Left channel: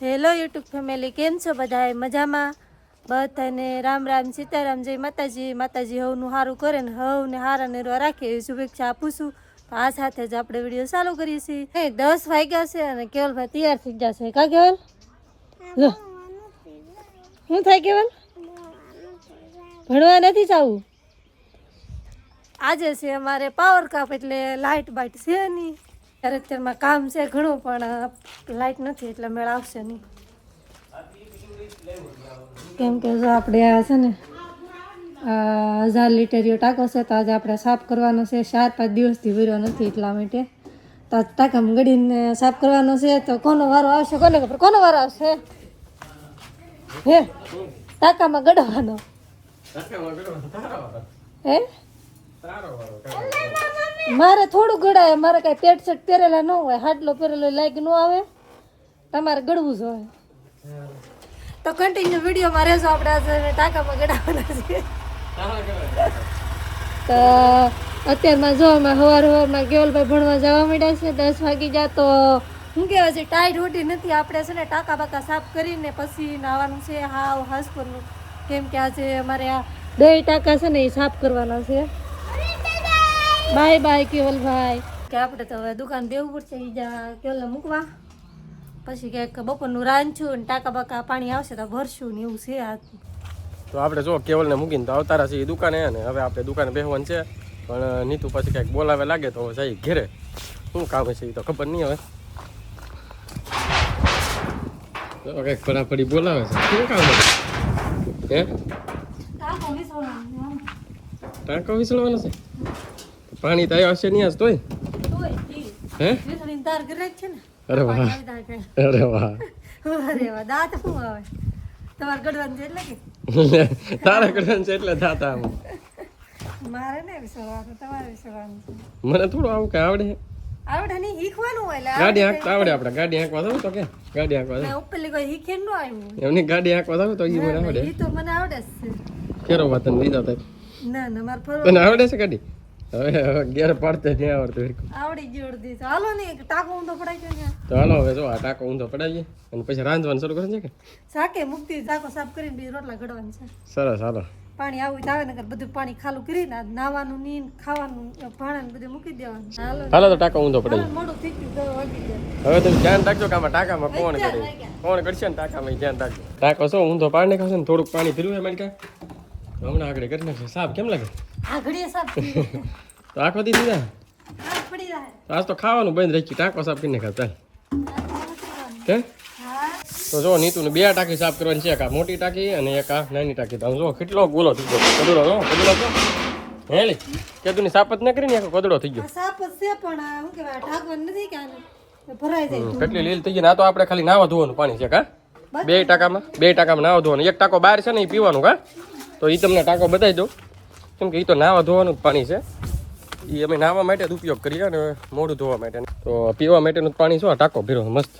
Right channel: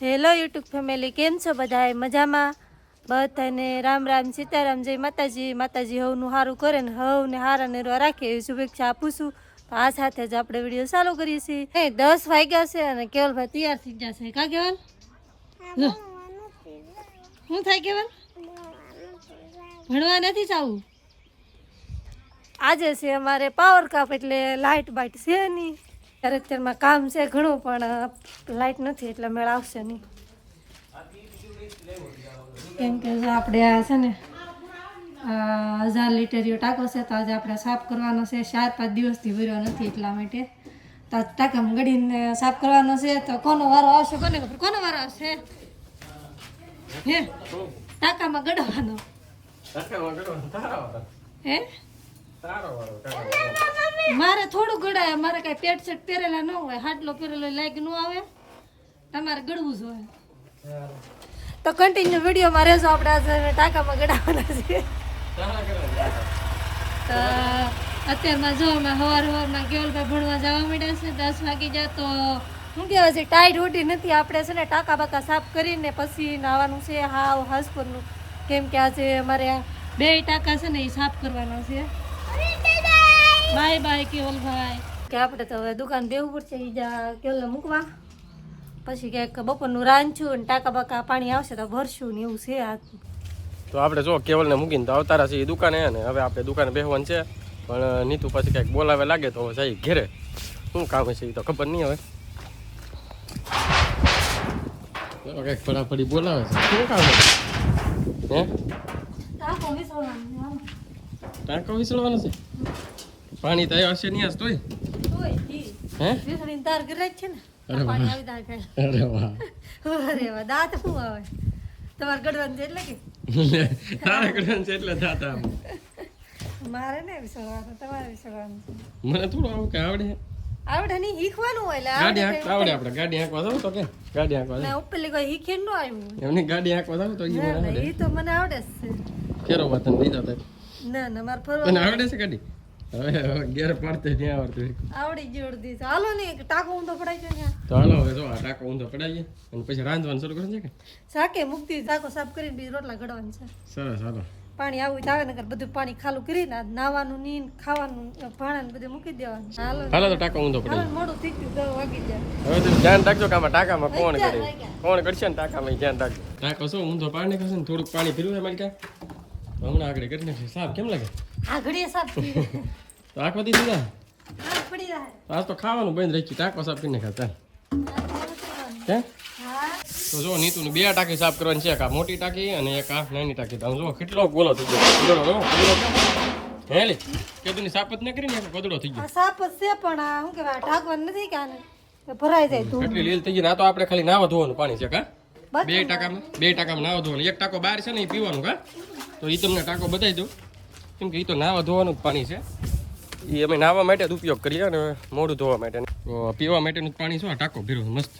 Hello YouTube family, કેમ છો બધાએ? મજામાં? બધાને રામ રામ, સીતારામ, જય માતાજી. માતાજી હવનું સારું કરે ને હવને હારા નિર્વા રાખે એવી શુભેચ્છા આપું છું. તો આ સાથે જ આપણે વિડીયો ચાલુ કરીએ છીએ. 10 વાગ્યા છે અને કેવલભાઈ તૈયાર થઈ જશે. કા કેવલ? શું થાય કેવલ? ભણવા નથી જવું. આજે છે અમારે પાવર કાપ, એટલે લાઇટ બાઇટ છે નહીં. અત્યારમાં કામ છે ઘણું, પણ લાઇટ નથી એટલે મેળ આવશે નહીં. કેમ કે જો આપણે આ છે ને 1000 લીટરીયો ટાંકો છે, તો આજે આપણે સાફ કરવાનો છે. 4-5 દિવસથી ભર્યો નથી, એટલા માટે તો ટાંકામાં ગળીને સાફ કરવાનો છે. તો કોનો વારો આવશે કોને ખબર? કોનો વારો આવશે? હે ટાંકામાં ગળવાનો હે? મારે થોડું ગળાય, મારે કઈ પેટ શર્ટ પહેરેલા ન હોય, હાટલો પહેરેલો લાઈક ન આવે. તમારે ગળવું જોઈએ તો કન્ટિન્યુ વિડીયોમાં રહેજો. આપણે આજે ટાંકામાં ગળાવાના છે. તો અત્યારમાં જો અમે સવારમાં કેવલભાઈ ભણવા જવા માંડ્યા છે. 10 વાગી જાય તો શું કહેવાય છે, ટાઈટ હોટી નથી. આપણે છે ને ટાંકા બાકા સાફ કરીને પછી નાવાનું છે હાવ હાસપરનું. કેમ કે આજે અમારે આ 2 ટાંકા છે ને એ સાફ કરવાના છે. બાય બાય કેવલભાઈ. કે આપણે તો હવે દુકાન દેવું પડશે કેવલને મૂકવા. પછી ક્યાંક બપોરનું રાંધશું અને ટાંકા બાકા પાણી આવશે તો ભરશું ને એવું છે. આ તો આપણે જો કેવલને મૂકીને તો આવતારા છીએ દુકાને, અને હવે આપણે દુકાને બેસવાનું છે. પણ નીતુ પછી કંઈક બોલાવે લાગે તો જઈ ઘેરે. શું કામ છે એ તો ખબર નહીં. હવે કંઈક ફટાફટી બોલાવે છે. શું કામ હે? ટાંકો વિસળવાનો છે. પાણી તો આવ્યા હશે નહીં આજ તોય. હે? તાર ઘરે છે ને. અરે વાહ, અરે વાહ, અરે વાહ. દાંત શું આવે તમારે ગડવાનું છે એટલે કે તારે ગડવાનું છે એટલે દાંત આવે. મારે ને વિસરવાનું, તમારે વિસરવાનું છે. મને થોડું આવું કઈ આવડે. આવડે નહીં, શીખવાનું હોય. ગાડી હાંકતા આવડે. આપણે ગાડી હાંકવા જાવ તો કે ગાડી હાંકવા જાવ. ઉપરલી કોઈ શીખે ન આવ્યું. એમની ગાડી હાંકવા જાવ તો એ મને આવડે. એ તો મને આવડે છે. કેરો વાત ને લીધા તા. ના ના, મારે ફરવા તને આવડે છે ગાડી? હવે ઘેર પડતે નહીં આવડતું. આવડી ગયું અડધી. હાલો ને ટાંકો ઊંધો પડાય છે ત્યાં. તો હાલો હવે જો આ ટાંકો ઊંધો પડાવીએ અને પછી રાંધવાનું શરૂ કરે છે કે શાકે મુક્તિ ટાંકો સાફ કરીને બીજ રોટલા ઘડવાનું છે. સરસ. હાલો પાણી આવું તો આવે ને બધું પાણી ખાલું કરીને નાવાનું ની ખાવાનું ભાણા બધું મૂકી દેવાનું. હાલો તો ટાંકો ઊંધો પડાવીએ. મોડું થઈ ગયું, 10 વાગી જાય. હવે તમે ધ્યાન રાખજો કે આમાં ટાંકામાં કોણ કરે, કોણ કરશે ને ટાંકામાં ધ્યાન રાખજો. ટાંકો શું ઊંધો પાડી નાખશે ને થોડુંક પાણી પીરું છે મને ક્યાં હમણાં આગળ કરી નાખશે. સાફ કેમ લાગે? આ ઘડીએ સાફ તો આખો દી દીધા પડી જાય. આજ તો ખાવાનું બંધ રહી ગયું. ટાંકો સાફ કરી નાખ્યા. ચાલ કે તો જો નીતુને 2 ટાંકી સાફ કરવાની છે. એક આ મોટી ટાંકી અને એક આ નાની ટાંકી. તો જો કેટલો ગોલો થઈ ગયો. હેલી કે તું સાફ જ ન કરી ને કોદડો થઈ ગયો. સાફ જ છે પણ આ શું કહેવાય, ઢાંકવાનું નથી કે આને ભરાઈ જાય. કેટલી લીલ થઈ ગઈ. ના તો આપણે ખાલી નાવા ધોવાનું પાણી છે. કા 2 ટાંકામાં નાવા ધોવાનું. એક ટાંકો બહાર છે ને એ પીવાનું. કા તો એ તમને ટાંકો બતાવી દઉં, કેમ કે એ તો નાવા ધોવાનું જ પાણી છે. એ અમે નાવા માટે જ ઉપયોગ કરીએ અને મોઢું ધોવા માટે. તો પીવા માટેનું પાણી શું આ ટાંકો ભીરો મસ્ત.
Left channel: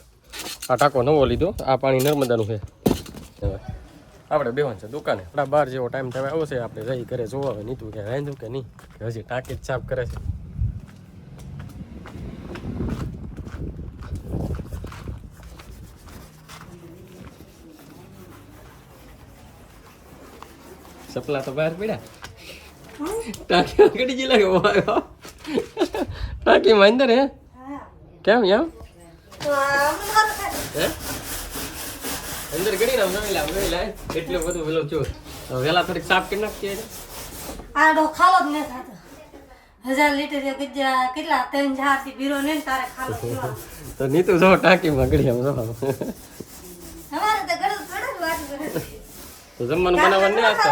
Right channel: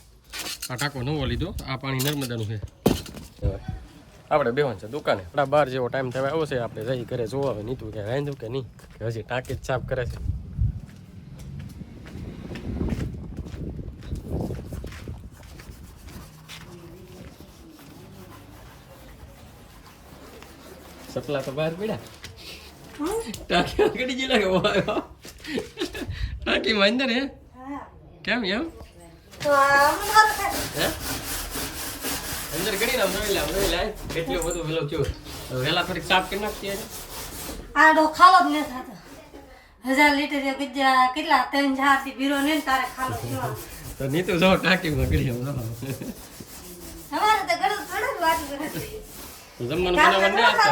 આ ટાંકો નવો લીધો. આ પાણી નર્મદાનું છે. આપણે બેવાનું છે દુકાને. આપણા 12 જેવો ટાઈમ થવા આવ્યો છે. આપણે જઈ ઘરે જોવા આવે નીતું કે રાંધ્યું કે નહીં, કે હજી ટાંકી જ સાફ કરે છે. સપલા તો બહાર પડ્યા. ટાંકી ગડી ગઈ લાગે. ટાંકી માં અંદર હે કેમ એમ? તો હે અંદર ગડી ના જોઈ લે કેટલું બધું વેલો છો. વેલા થોડીક સાફ કરી નાખીએ. આડો ખાલો જ ન થતો. 1000 લીટર કેટલા 3-4 થી ભીરો ને તારે ખાલો થયો. તો નીતુ જો ટાંકી માં ગડી એમ જો. અમારે તો ગળું થોડું વાત કરે. તો જમવાનું બનાવવાનું નહીં આજ તો.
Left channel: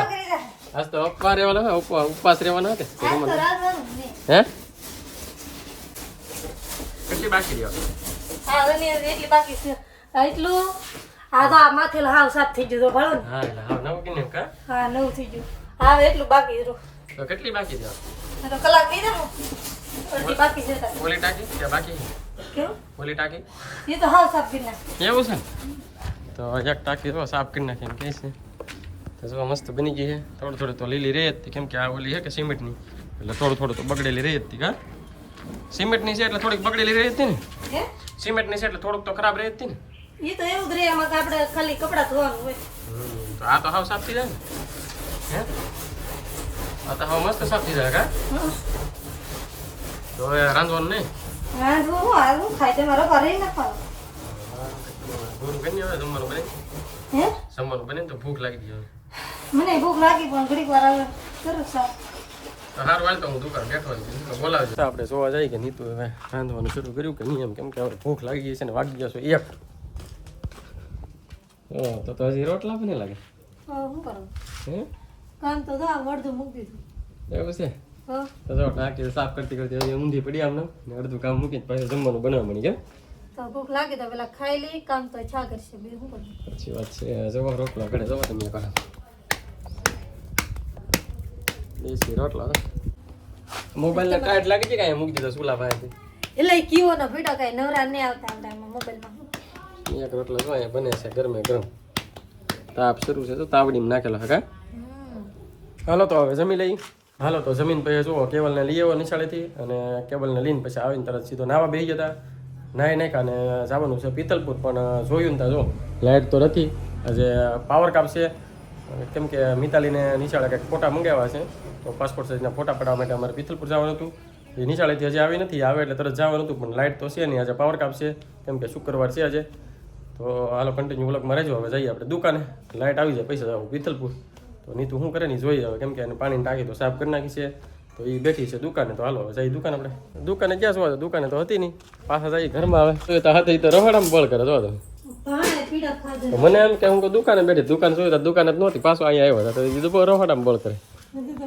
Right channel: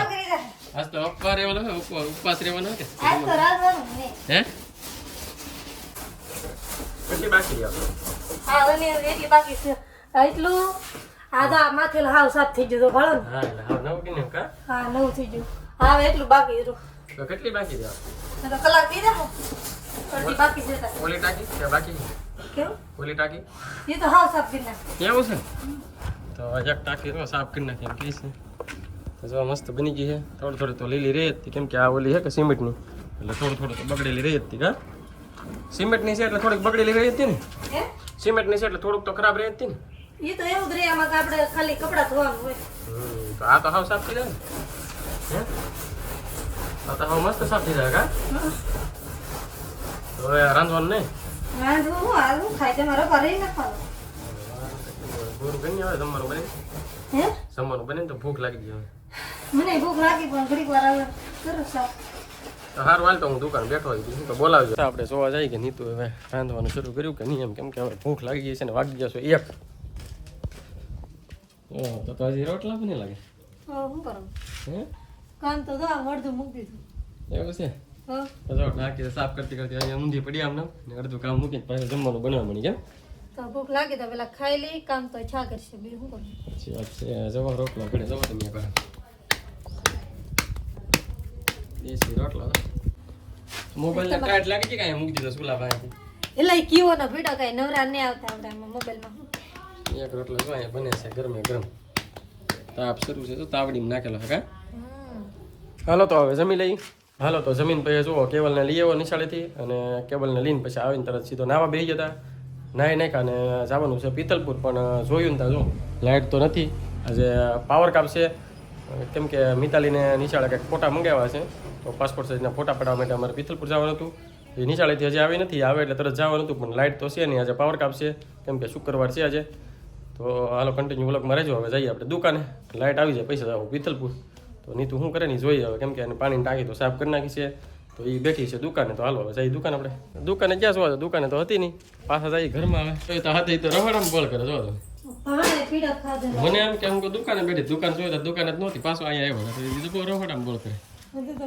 આજ તો ઉપવાસ રહેવાનો. ઉપવાસ રહેવાનો કે આજ તો રાંધવાનું ને. હે કેટલી બાકી રહ્યો? હા અને એટલી બાકી છે. એટલું આ તો માથે હાવ સાફ થઈ ગયો ભાળો ને. હા એટલે હવે નવું કિને કા. હા નવું થઈ ગયું. હા એટલું બાકી રહ્યું. તો કેટલી બાકી રહ્યો? તો કલાક થઈ જાય. અડધી બાકી છે. ઓલી ટાંકી કે બાકી? કેવું? ઓલી ટાંકી એ તો હાવ સાફ કરી નાખ. એવું છે? તો એક ટાંકી તો સાફ કરી નાખીને કહીશ ને. તો જો મસ્ત બની ગઈ છે. થોડું થોડું તો લીલી રહી હતી, કેમ કે આ ઓલી છે કે સિમેન્ટની, એટલે થોડું થોડું તો બગડેલી રહી હતી. કા સિમેન્ટની છે એટલે થોડીક બગડેલી રહી હતી ને. સિમેન્ટની છે એટલે થોડુંક તો ખરાબ રહી હતી ને. એ તો એવું જ રે એમાં કે આપણે ખાલી કપડાં ધોવાનું હોય. તો આ તો હાવ સાફ થઈ જાય ને હે આ તો હાવ મસ્ત સાફ થઈ જાય કા તો હવે રાંધવાનું નહીં હારું ખાય તમારો ઘરે નાખવાનું. ભૂખ ગઈ હવે જમવાનું બને હે જમવાનું બને તો ભૂખ લાગી ગઈ હવે મને ભૂખ લાગી પણ ઘડીક વાર આવે સરસ સાફ. તો હારું હાલ તો હું દુકાન બેઠો છું તો બોલાવજો આપણે જોવા જઈએ કે નીતુ હવે રાંધવાનું શરૂ કર્યું કે નહીં એમ કેમ કે હવે ભૂખ લાગી ગઈ છે ને વાગી જશો 1 તો હજી રોટલા પણ નહીં લાગે શું કરું હે કામ તો જો અડધું મૂકી દીધું. એવું છે હો તો જો ટાંકી સાફ કરતી કરતી હવે ઊંધી પડી આમને ને અડધું કામ મૂકીને પાછું જમવાનું બનાવવા મળી કેમ તો ભૂખ લાગે તો પેલા ખાઈ લઈ કામ તો છા કરશે બીજું શું કરું. સાચી વાત છે જવા રોટલા ઘડે જવા તમે કરો દેશી રોટલા મોબાઈલ ને ટાઈટ લાગી છે કાંઈ મૂકી દીધો સુલા ભાઈ એટલે કીવો નો ભીડો કઈ નવરા નહીં આવતા આપણે આમાં મોબાઈલમાં. એક રોટલો જો અહીંયા બને છે ગરમે ગરમ તાપ શરૂ છે તો તાવડીમાં નાખેલો હે કા હાલો તો હવે જમી લઈ હાલો તો જમીન પછી જુઓ કેબલને લઈ આવ્યો નિશાળેથી અને કેબલને લઈને પછી આવીને તરત સીધો નાવા બેસી જતા નાહી નાખ્યા અને જવાનું છે પિત્તલપુર પણ જોયું ને ત્યાં જો લાઇટ તો નથી આજે પાવર કાપ છે કેમ કે મિતાલીને નિશાળે કંઈક ફોટા મંગાવ્યા છે તો પાસપોર્ટ સાઇઝના ફોટા પાડવા માટે અમારે પિત્તલપુર જવાનું હતું એ નિશાળેથી હજી આવી નથી આવે એટલે તરત જવાનું હતું પણ લાઇટ તો છે નહીં આજે પાવર કાપ છે કેમ કે શુક્રવાર છે આજે તો હાલો કન્ટિન્યુ વ્લોગમાં રહેજો હવે જઈએ આપણે દુકાને લાઇટ આવી જાય પૈસા જાવ પિત્તલપુર તો નીતુ શું કરે નહીં જોઈએ હવે કેમ કે એને પાણીની ટાંકી તો સાફ કરી નાખી છે તો એ બેઠી છે દુકાને તો હાલો હવે જઈએ દુકાન આપણે દુકાને ક્યાં જોવા દુકાને તો હતી નહીં પાછા જઈએ ઘરમાં આવે તો હાથે તો રવાડામાં બળ કરે જો તમે મને એમ કે હું તો દુકાને બેઠી દુકાન જોઈ તો દુકાન જ નહોતી પાછો અહીંયા આવ્યો હતો તો એ રવાડામાં બળ કરે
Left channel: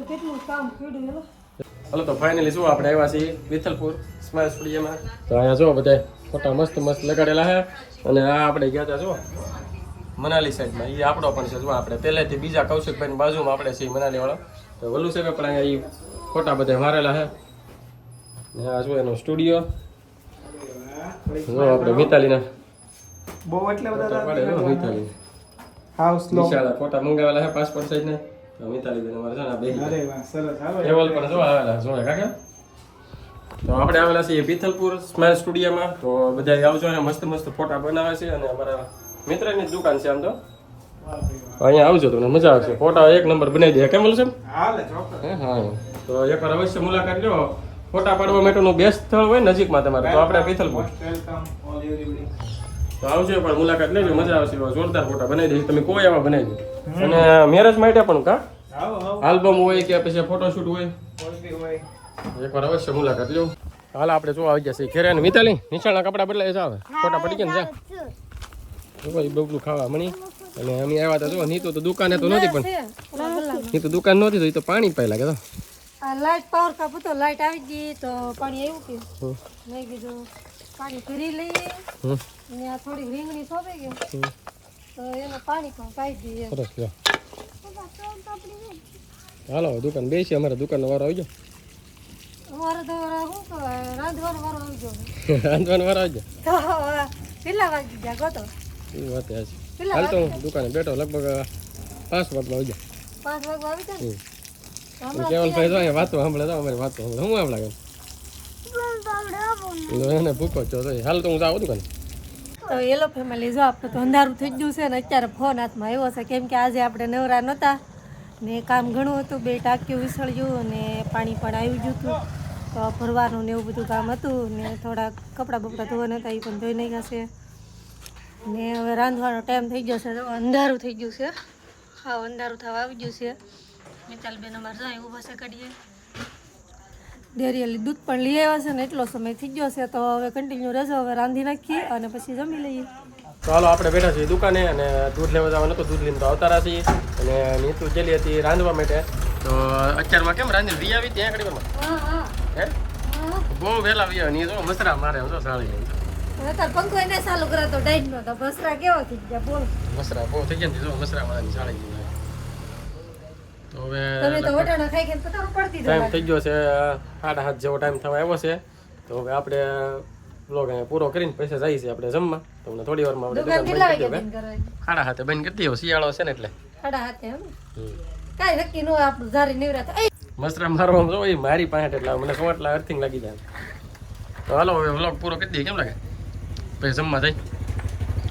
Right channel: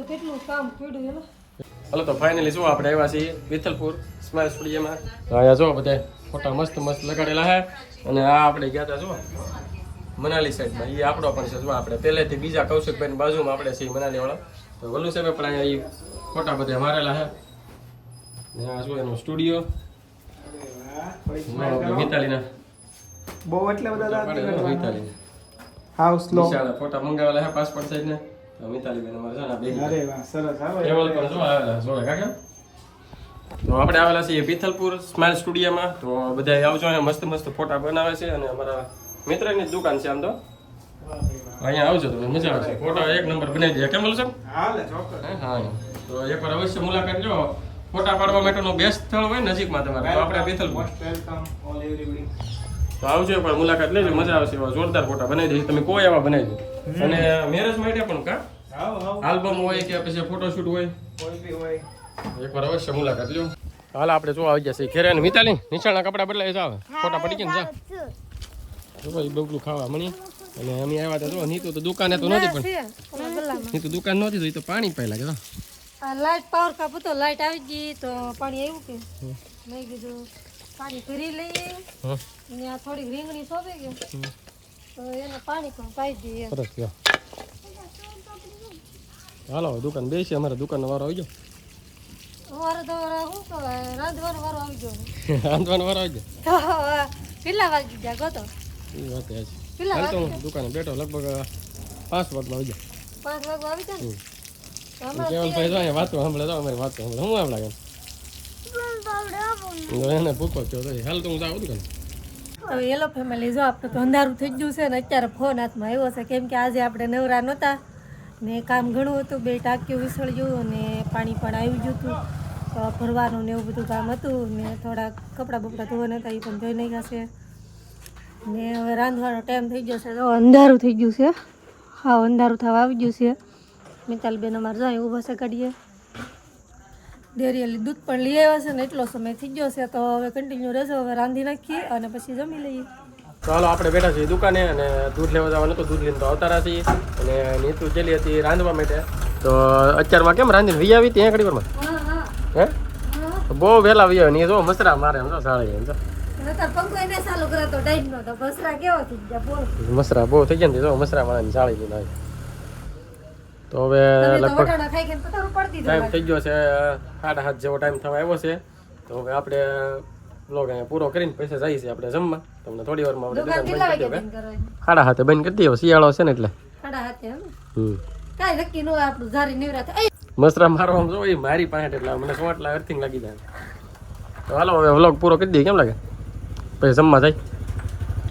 કેટલું કામ કર્યું. હાલો તો ફાઇનલી શું આપણે આવ્યા છીએ વિથલપુર સ્માઇલ સ્ટુડિયોમાં તો હવે જો બધા ફોટા મસ્ત મસ્ત લગાડેલા છે અને આ આપણે ગયા હતા જો મનાલી સાઈડમાં એ આપણો પણ છે જો આપણે પહેલેથી બીજા કૌશિકભાઈની બાજુમાં આપણે છીએ મનાલી વાળા તો વલ્લુ સાહેબ પણ અહીંયા એ ફોટા બધા મારેલા છે ને આ જો એનો સ્ટુડિયો જો આપણે મિતાલીના બહુ એટલે બધા મિતાલી હાઉસ લો વિશાળ ફોટા મંગાવેલા છે પાસપોર્ટ સાઈઝના તો મિતાલી બેન અમારે જો ને બે અરે વાહ સરસ આવે કેવલ પણ જો આવેલા જોડે કાકા તો આપણે આવેલા છીએ પિથલપુર સ્માઇલ સ્ટુડિયોમાં તો બધા આવજો અને મસ્ત મસ્ત ફોટા બનાવે છે અને અમારા મિત્રની જ દુકાન છે આમ તો અહીંયા આવજો તમને મજા આવશે ફોટા એક નંબર બનાવી દે કેમ બોલો છો હાલે ચોક્કસ હા તો એકવાર અવશ્ય મુલાકાત લો ફોટા પાડવા માટેનું બેસ્ટ સ્થળ હોય નજીકમાં તમારે તો આપણે Pithalpur most welcome all everybody તો આવજો એકવાર મુલાકાત લેજો મજા આવશે એવા જોરદાર ફોટા બનાવી દઈશું તમે કોઈ એવા બનાવી દો અને મેરેજ માટે પણ કા આવો આવો આલ્બમ હોય કે પછી ફોટોશૂટ હોય કોઈ બી હોય એકવાર અવશ્ય મુલાકાત લો હાલ આપણે જો આવી જશે ઘેરે ને મિતાલી નિશાળના કપડા બદલાય જાવ ફોટા પડી ગયા ને જા જો ભાઈ બબલું ખાવા મણી અને અમે આવ્યા હતા જો નીતુ તો દુકાને તો નહોતી પણ નીતુ દુકાન નહોતી તો એ તો પાણી પાઈ લાગે તો આ લાઈટ પાવર કાપ હતો લાઈટ આવી ગઈ તો પાણી એવું કે મેં કીધું પાણી ભરી લઈએ ને આ થોડી રીંગણી સોંપી ગઈ તો એને પાણી પણ પાઈ દઈએ. સરસ લ્યો. હાલો દુકાન બેસી અમારે દુકાનનો વારો આવી ગયો અમારે તો શું કહેવાય રાંધવાનો વારો આવી ગયો રાંધવાનો વારો આવી ગયો તો કેટલા વાગી ગયા ગયો તો એ વાત છે હાલ તો હું દુકાને બેઠો લગભગ 5 વાગમાં આવી જાય 5 વાગવા આવી ગયા ને કેવલભાઈ જો અહીંયા વાતો સાંભળે તો અમારી વાતો સાંભળે હું એમ લાગે એને ભૂખો છો તો હાલ તો હું જાઉં દુકાને તો હેલો ફેમિલી જો આપણે તો અંધારું થઈ ગયું છે ને અત્યારે ફોન હાથમાં આવ્યો છે કેમ કે આજે આપણે નવરા નહોતા ને કામ ઘણું હતું 2 ટાંકીઓ વિસળ્યું અને પાણી પણ આવી ગયું હતું તો ભરવાનું ને એવું બધું કામ હતું ને થોડા કપડાં બપડા ધોવાના હતા એ પણ ધોઈ નાખ્યા છે ને હવે રાંધવાનો ટાઈમ થઈ ગયો છે તો અંધારું થઈ ગયું છે હા અંધારું થવા આવી ગયું છે મિતાલબેન અમારે જાય ઊભા છે કાઢીએ ડેરીએલી દૂધ પણ લઈ આવ્યા છે ને એટલો સમય થઈ ગયો છે તો હવે કન્ટિન્યુ રહેજો હવે રાંધી નાખીએ અને પછી જમી લઈએ. તો હાલો આપણે બેઠા છીએ દુકાને અને દૂધ લેવા જવાનું હતું દૂધ લઈને તો આવતા રહ્યા છીએ અને નીતુ જેલી હતી રાંધવા માટે તો અત્યારમાં કેમ રાંધીને વી આવી ત્યાં ઘડી વારમાં હે તો બહુ વહેલા વી આવે ને એ જો મસરા મારે એમ તો સાળી એમ તો પંખો એને ચાલુ કરાતો ડાઈટનો તો બસરા કેવો થઈ ગયા બોલ મસરા બહુ થઈ ગયા ને જો મસરા મારવાની સાળી ગઈ તો હવે તમે તો વટાણા ખાઈ ખાઈને પતારું પડતી ટાઈમ થઈ ગયો છે 7:30 જેવો ટાઈમ થવા આવ્યો છે તો હવે આપણે બ્લોગ અહીંયા પૂરો કરીને પૈસા જઈએ છીએ આપણે જમવા તમને થોડી વારમાં આપણે દુકાન બંધ કરી દો કે 7:30 બંધ કરી દો શિયાળો છે ને એટલે 7:30 એમ કાંઈ નક્કી ન હોય આપણું ધારી નિવરાત મસરા મારવા જો એ મારી પાસે એટલે મને સોટલા અર્થિંગ લાગી જાય તો હાલો હવે વ્લોગ પૂરો કરી દઈએ કેમ લાગે પછી જમવા જાય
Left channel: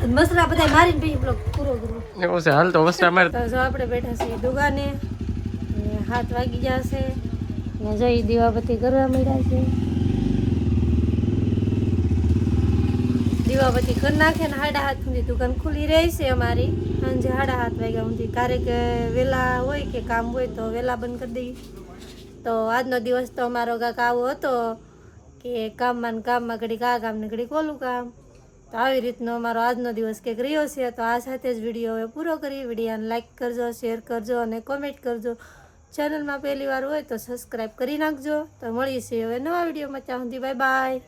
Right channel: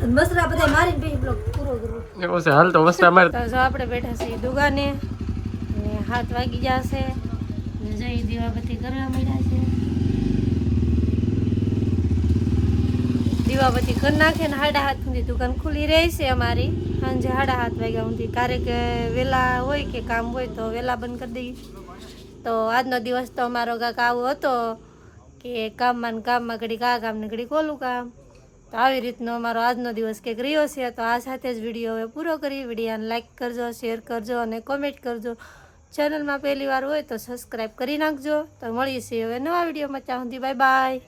મસરા બધા મારીને પછી બ્લોગ પૂરો કરવો. એવું છે હાલ તો વસ્તા મારે તો જો આપણે બેઠા છીએ દુકાને અને 7 વાગી જશે ને જઈ દીવાબત્તી કરવા મળ્યા છે. દીવાબત્તી કરી નાખે ને 7:30 સુધી દુકાન ખુલ્લી રહે છે અમારી. સાંજે 7:30 વાગ્યા સુધી ક્યારેક વહેલા હોય કે કામ હોય તો વહેલા બંધ કરી દઈએ. તો આજનો દિવસ તો અમારો કાંક આવો હતો કે કામમાં ને કામમાં ઘડીક આ કામ ને ઘડીક ઓલું કામ. તો આવી રીતનો અમારો આજનો દિવસ કંઈક રહ્યો છે. તો આ સાથે જ વિડીયો હવે પૂરો કરી. વિડીયોને લાઇક કરજો, શેર કરજો અને કોમેન્ટ કરજો. ચેનલમાં પહેલી વાર હોય તો સબસ્ક્રાઈબ કરી નાખજો. તો મળીએ છીએ હવે નવા વિડીયોમાં. ત્યાં સુધી બાય બાય.